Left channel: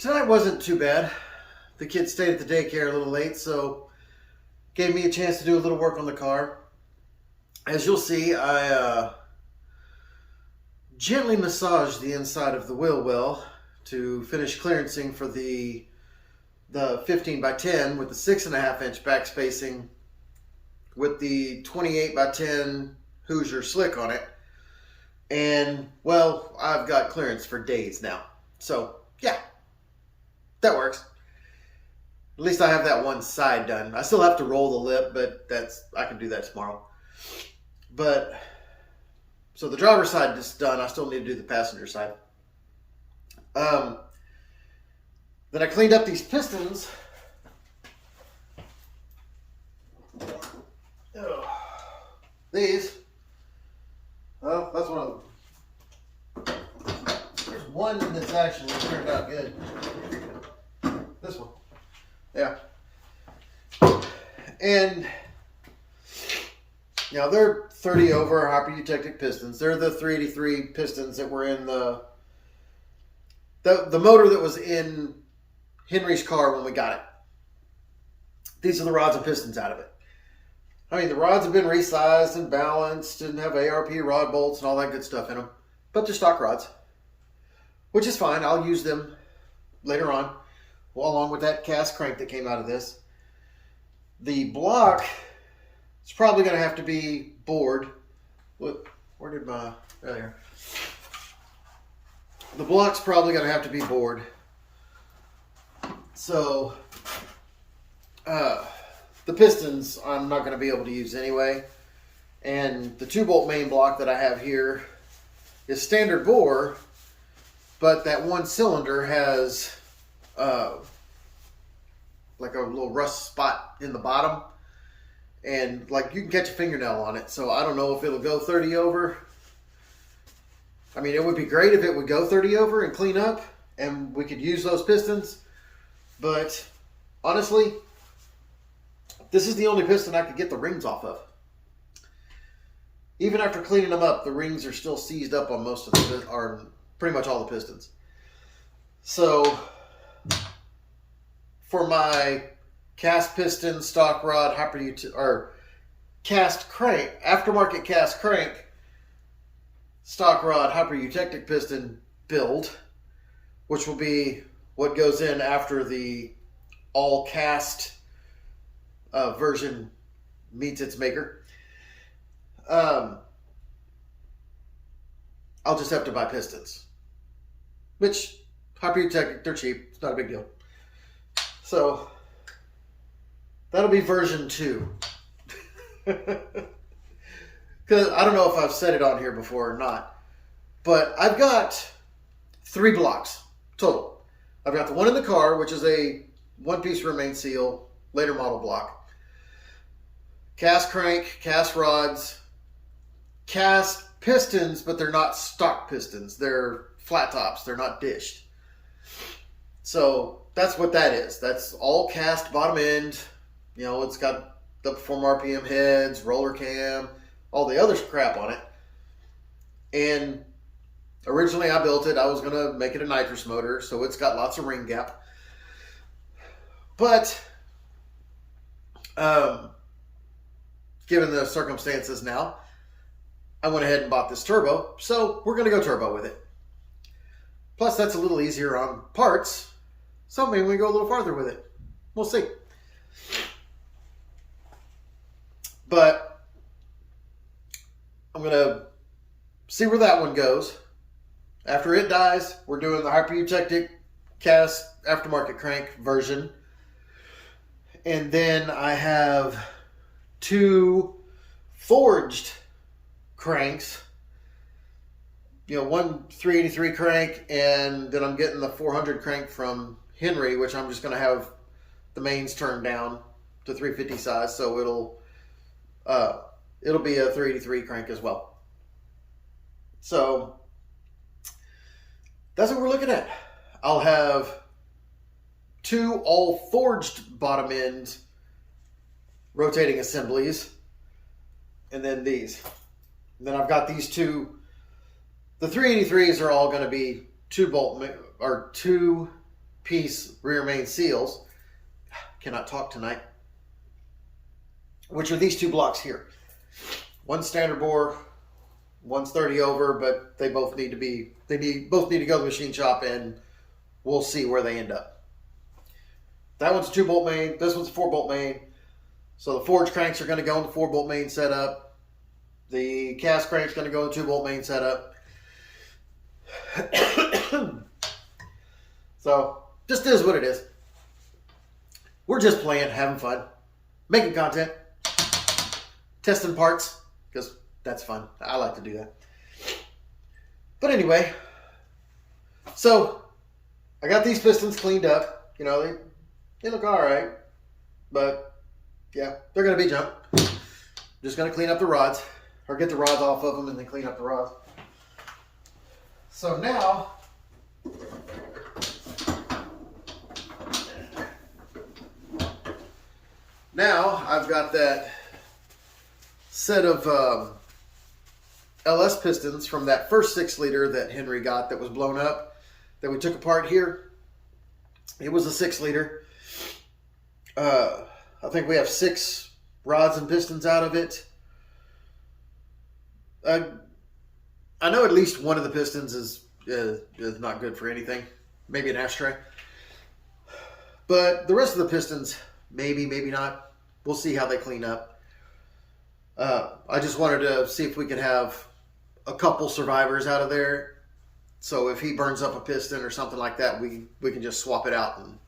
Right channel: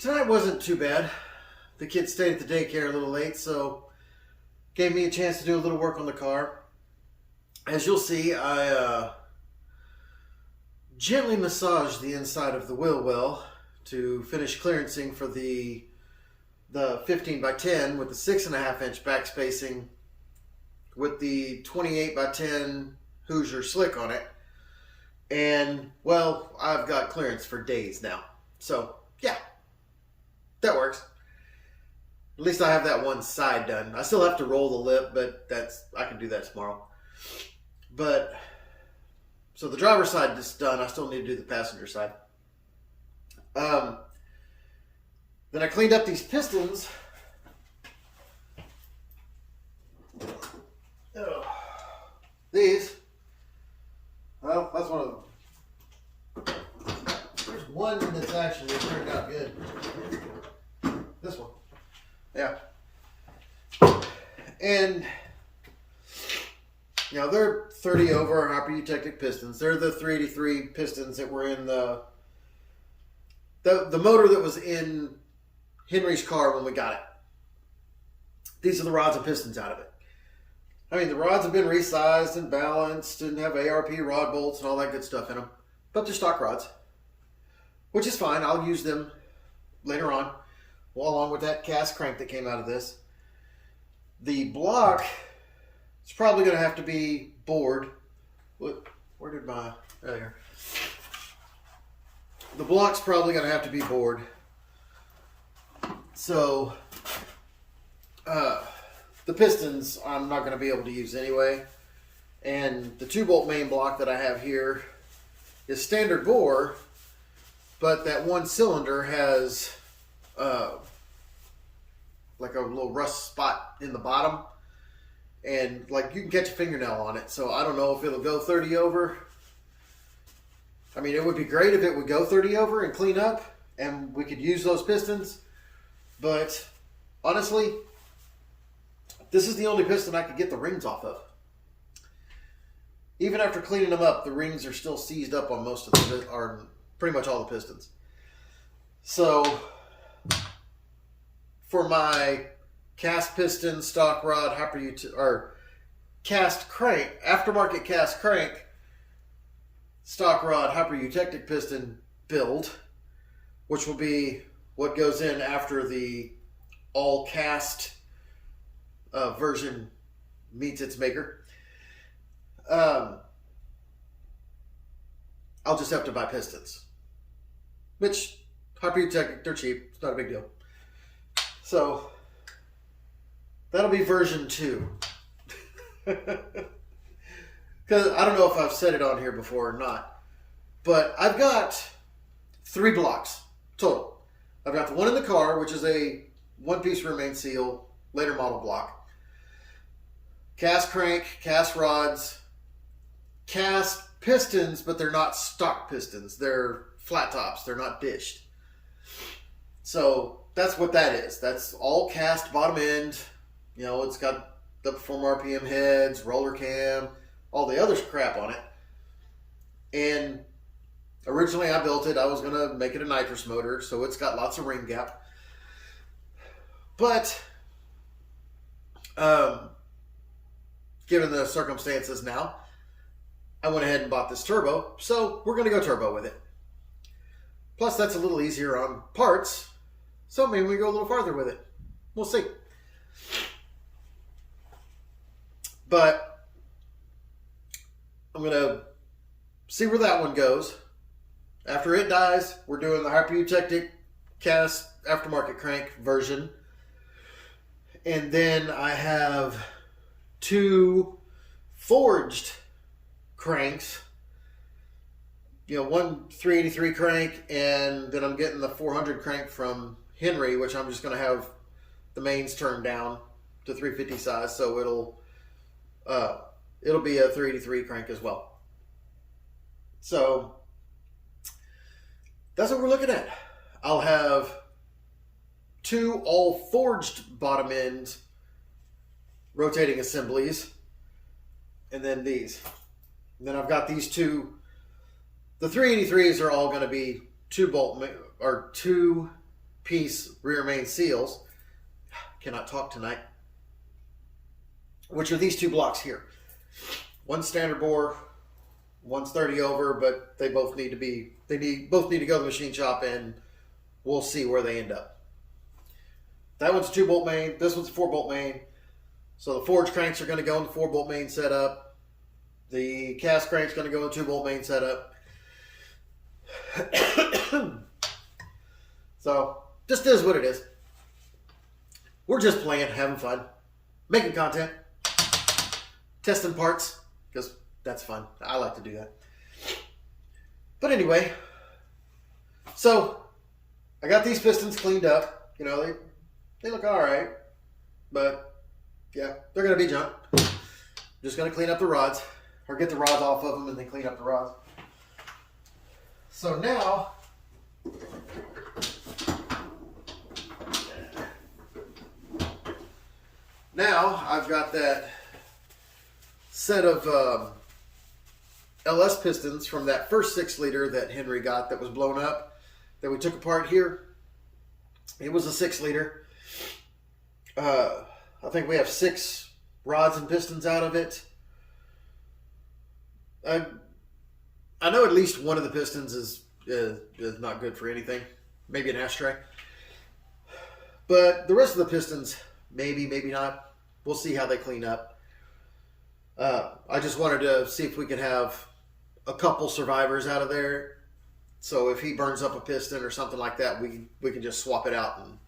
Tonight wasn't too bad. The kids stayed at the daycare a little late, so gave me a chance to do a little work on the car. As you'll see, I gently massaged the inside of the wheel well to finish clearancing for the 15 by 10 with the 6.5 inch back spacing with the 28 by 10 Hoosier slick on it. And, well, I've got clearance for days now. So, yeah, that works. At least I have that one side done. I still have to roll the lip, but I can do that tomorrow. But, so the driver's side is done. I still need to do the passenger side. Then I cleaned up these pistons. These. Well, that's one of them. There's one that's actually turned out good. This one. Yeah. And, you know, they're 30 over hyper-eutectic pistons. They're the 383 pistons that were in the motor that was in Henry's car when we got it. These are the rods and pistons out of it. I mean, the rods have been resized and balanced and have ARP rod bolts and all that good stuff in them. But they're stock rods, which is fine. I'll use them later on, along with that cast crank that came out of this. The block is probably going to have to be bored. Where did my... Right here. The block's probably going to have to be bored. So, the pistons I'm not going to be able to use anyway. And the 2-bolt main block that I have here is standard bore, but that one cylinder has like a little rust spot in the bottom. And like you can catch a fingernail on it. So I don't know if it'll go 30 over. I mean, it would be great if it would go 30 over and clean up and we could use those pistons. But honestly, this is the only piston I could get the rings off of. Even after cleaning them up, the rings are still seized up on most of the, or pretty much all the pistons. So, for my cast piston, stock rod, or cast crank, aftermarket cast crank, stock rod, hyper-eutectic piston build, which will be what goes in after the all cast version meets its maker. I'll just have to buy pistons, which hyper-eutectic, they're cheap. It's not a big deal. So that'll be version 2. Because I don't know if I've said it on here before or not, but I've got 3 blocks total. I've got the one in the car, which is a 1-piece remain seal, later model block. Cast crank, cast rods, cast pistons, but they're not stock pistons. They're flat tops. They're not dished. So that's what that is. That's all cast bottom end. You know, it's got the Perform RPM heads, roller cam, all the other crap on it. And originally I built it, I was going to make it a nitrous motor, so it's got lots of ring gap. But, given the circumstances now, I went ahead and bought this turbo, so we're going to go turbo with it. Plus, that's a little easier on parts, so maybe we go a little farther with it. We'll see. But I'm going to see where that one goes. After it dies, we're doing the hyper-eutectic cast aftermarket crank version. And then I have 2 forged cranks. You know, one 383 crank, and then I'm getting the 400 crank from Henry, which I'm just going to have the mains turned down to 350 size, so it'll be a 383 crank as well. So that's what we're looking at. I'll have 2 all forged bottom end rotating assemblies, and then these. And then I've got these 2. The 383s are all going to be 2 bolt or 2 piece rear main seals. Cannot talk tonight. Which are these two blocks here. One's standard bore, one's 30 over, but they both need to be, both need to go to the machine shop, and we'll see where they end up. That one's a 2-bolt main, this one's a 4-bolt main. So the forge cranks are going to go in the 4-bolt main setup. The cast crank's going to go in 2-bolt main setup. So, just is what it is. We're just playing, having fun, making content, testing parts, because that's fun. I like to do that. But anyway, so I got these pistons cleaned up. You know, they look all right, but yeah, they're going to be junk. Just going to clean up the rods, or get the rods off of them and then clean up the rods. So now I've got that set of LS pistons from that first 6-liter that Henry got that was blown up, that we took apart here. It was a 6-liter. I think we have 6 rods and pistons out of it. I know at least one of the pistons is not good for anything. Maybe an ashtray. But the rest of the pistons, maybe not. We'll see how they clean up. I just wanted to see if we could have a couple survivors out of there. So if he burns up a piston or something like that, we can just swap it out and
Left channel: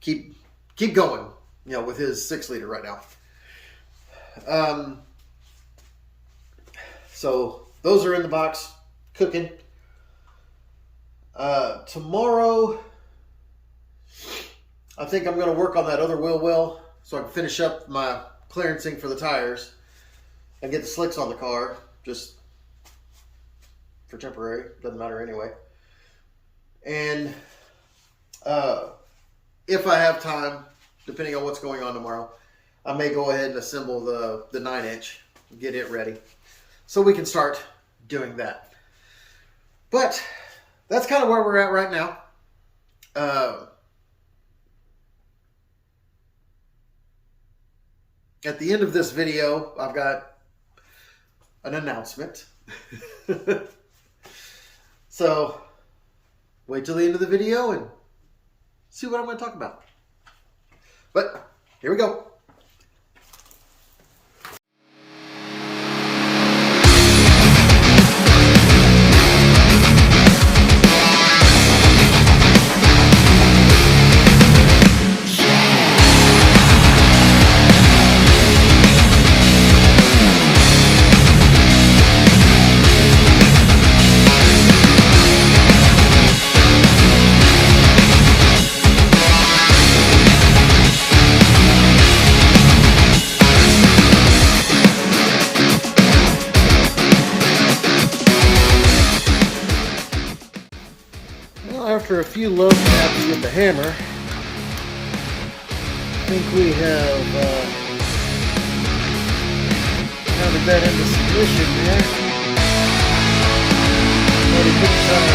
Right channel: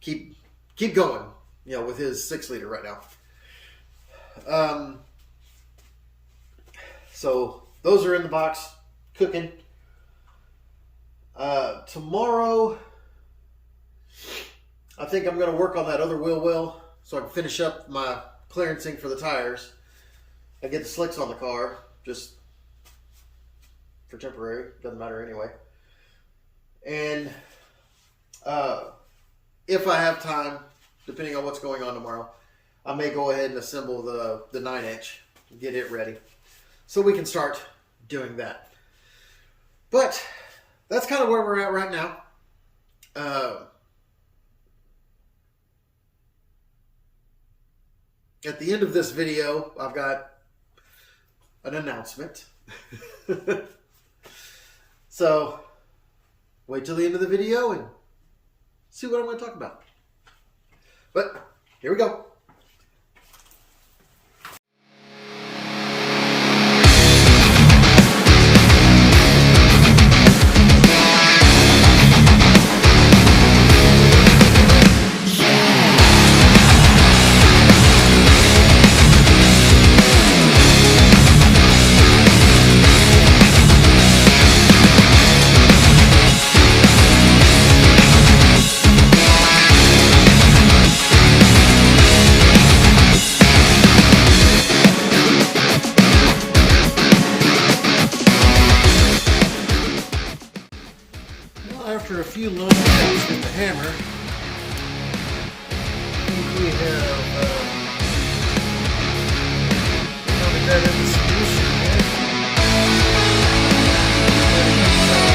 keep going, you know, with his 6-liter right now. So those are in the box, cooking. Tomorrow, I think I'm going to work on that other wheel well so I can finish up my clearencing for the tires and get the slicks on the car, just for temporary. Doesn't matter anyway. And if I have time, depending on what's going on tomorrow, I may go ahead and assemble the 9-inch and get it ready so we can start doing that. But that's kind of where we're at right now. At the end of this video, I've got an announcement. So, wait till the end of the video and see what I'm going to talk about. But, here we go. After a few love taps with the hammer, I think we have pounded that into submission there. Already put the tire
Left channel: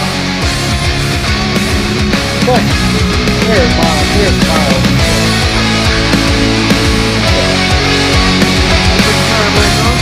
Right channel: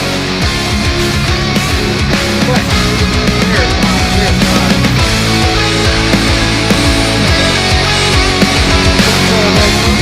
on. But there's mine. Put the tire back on.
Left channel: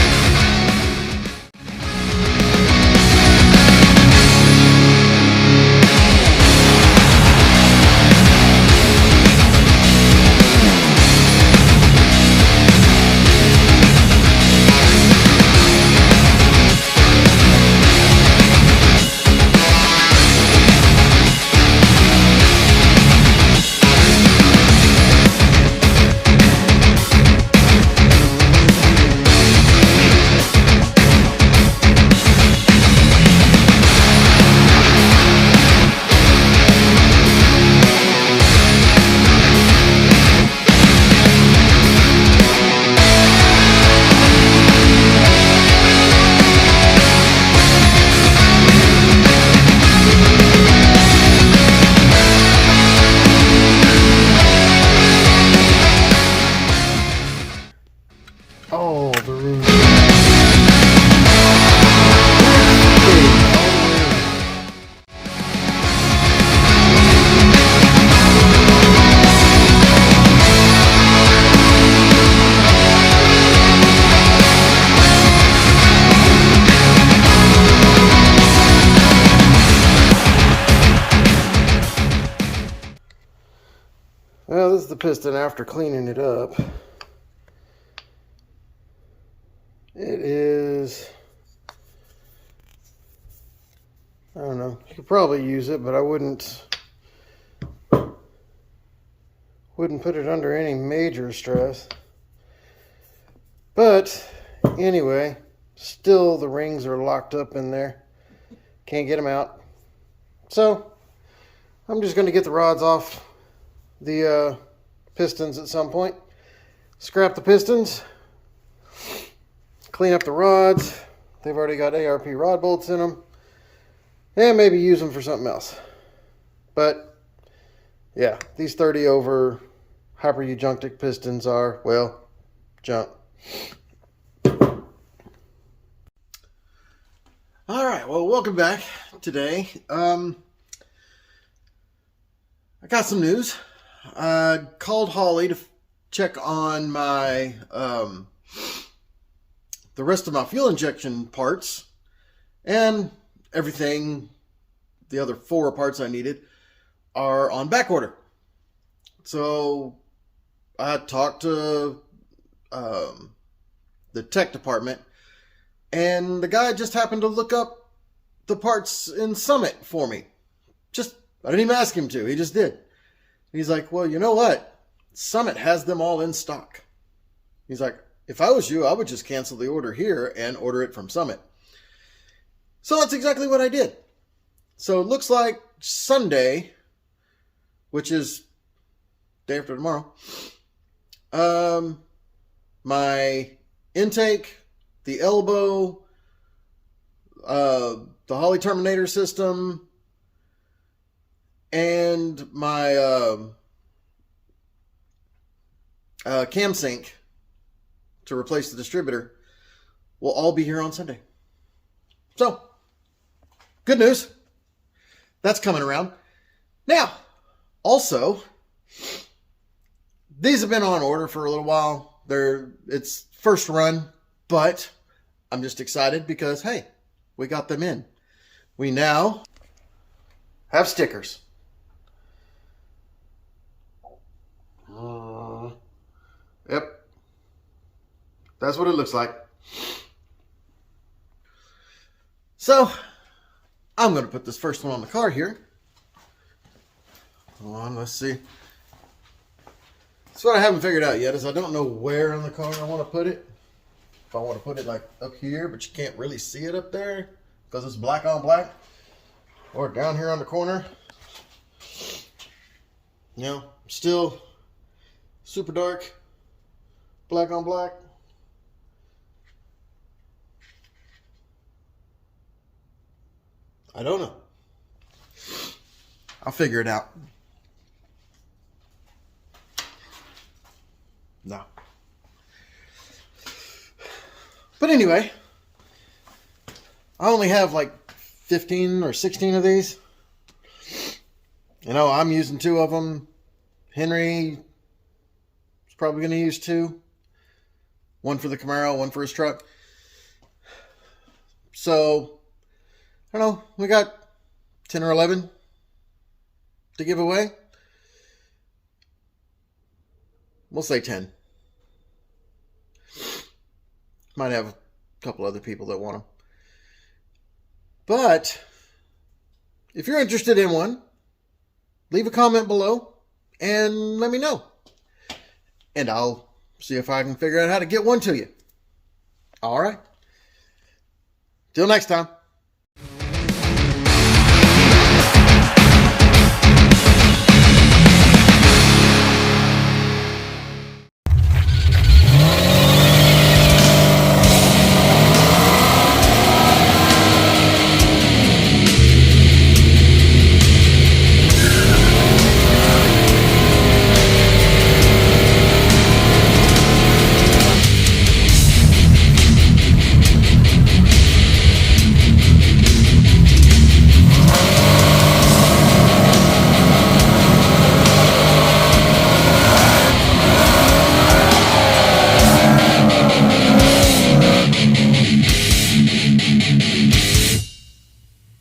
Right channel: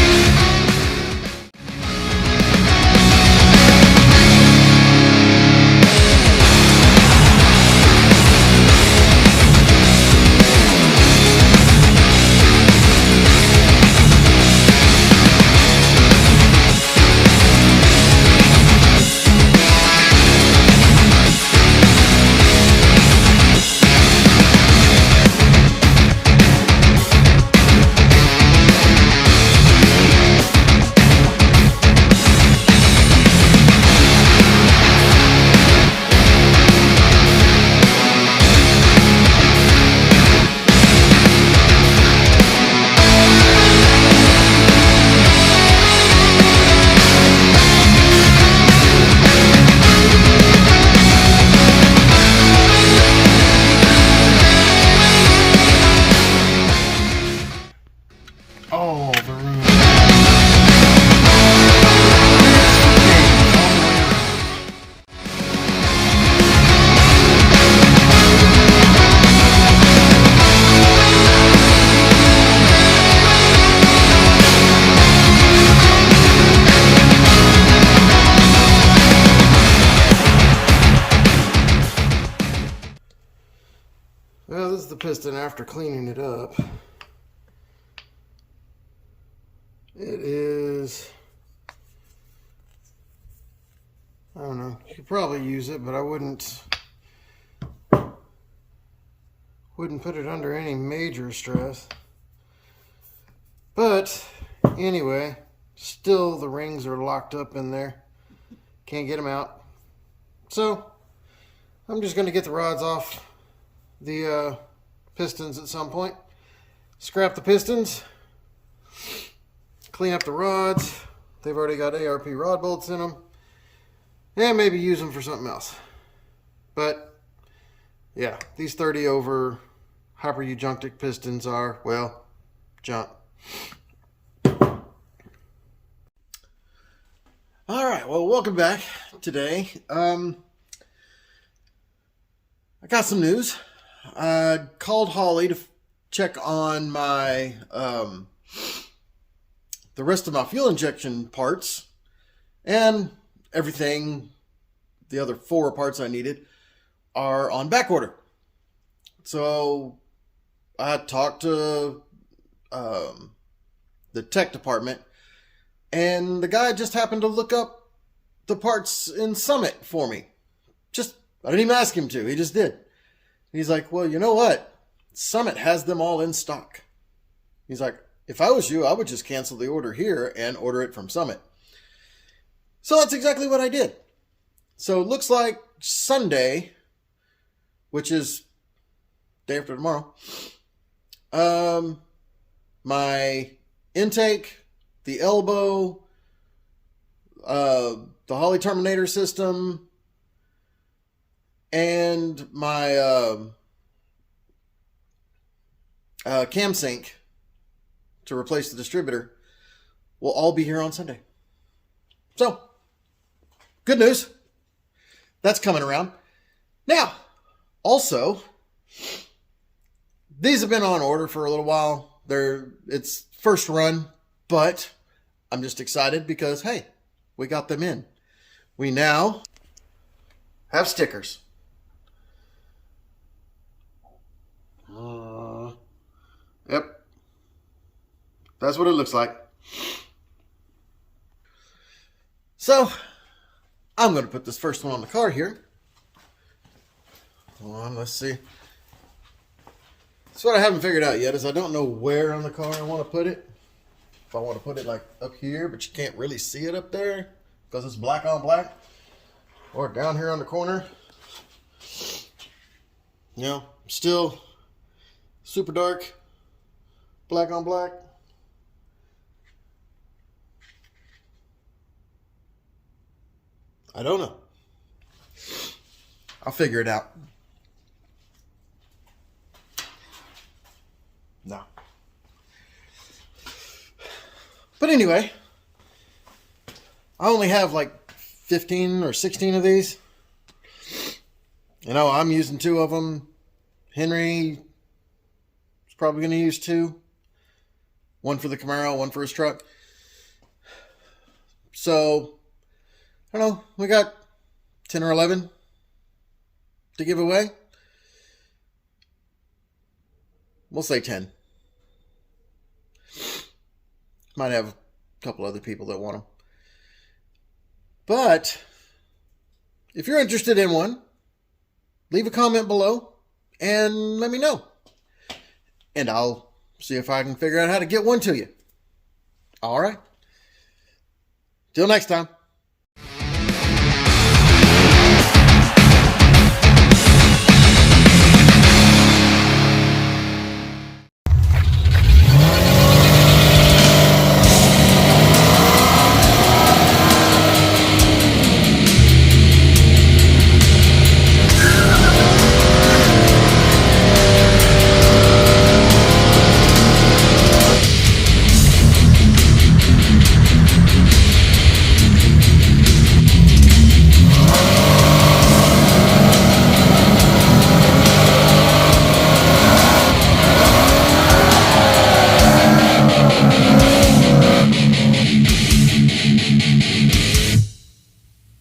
So this is the piston after cleaning it up. It is, I don't know, you could probably use it, but I wouldn't put it under any major stress. But anyway, still the rings are locked up in there. Can't get them out. So I'm just going to get the rods off the pistons at some point. Scrap the pistons. Clean up the rods. They've already got ARP rod bolts in them. And maybe use them for something else. But yeah, these 30 over hyper-ejunctic pistons are, well, junk. All right, well, welcome back today. I got some news. I called Holly to check on my the rest of my fuel injection parts, and everything, the other 4 parts I needed, are on back order. So I talked to the tech department, and the guy just happened to look up the parts in Summit for me. I didn't even ask him to. He just did. He's like, well, you know what? Summit has them all in stock. He's like, if I was you, I would just cancel the order here and order it from Summit. So that's exactly what I did. So it looks like Sunday, which is day after tomorrow, my intake, the elbow, the Holly Terminator system, and my cam sync to replace the distributor will all be here on Sunday. So, good news. That's coming around. Now, also, these have been on order for a little while. It's first run, but I'm just excited because, hey, we got them in. We now have stickers. Yep. That's what it looks like. So, I'm going to put this first one on the car here. Hold on, let's see. So what I haven't figured out yet is I don't know where on the car I want to put it. If I want to put it like up here, but you can't really see it up there because it's black on black. Or down here on the corner. You know, still super dark. Black on black. I don't know. I'll figure it out. No. But anyway, I only have like 15 or 16 of these. You know, I'm using 2 of them. Henry is probably going to use 2. 1 for the Camaro, 1 for his truck. So, I don't know, we got 10 or 11 to give away. We'll say 10. Might have a couple other people that want them. But if you're interested in one, leave a comment below and let me know. And I'll see if I can figure out how to get one to you. All right. Till next time.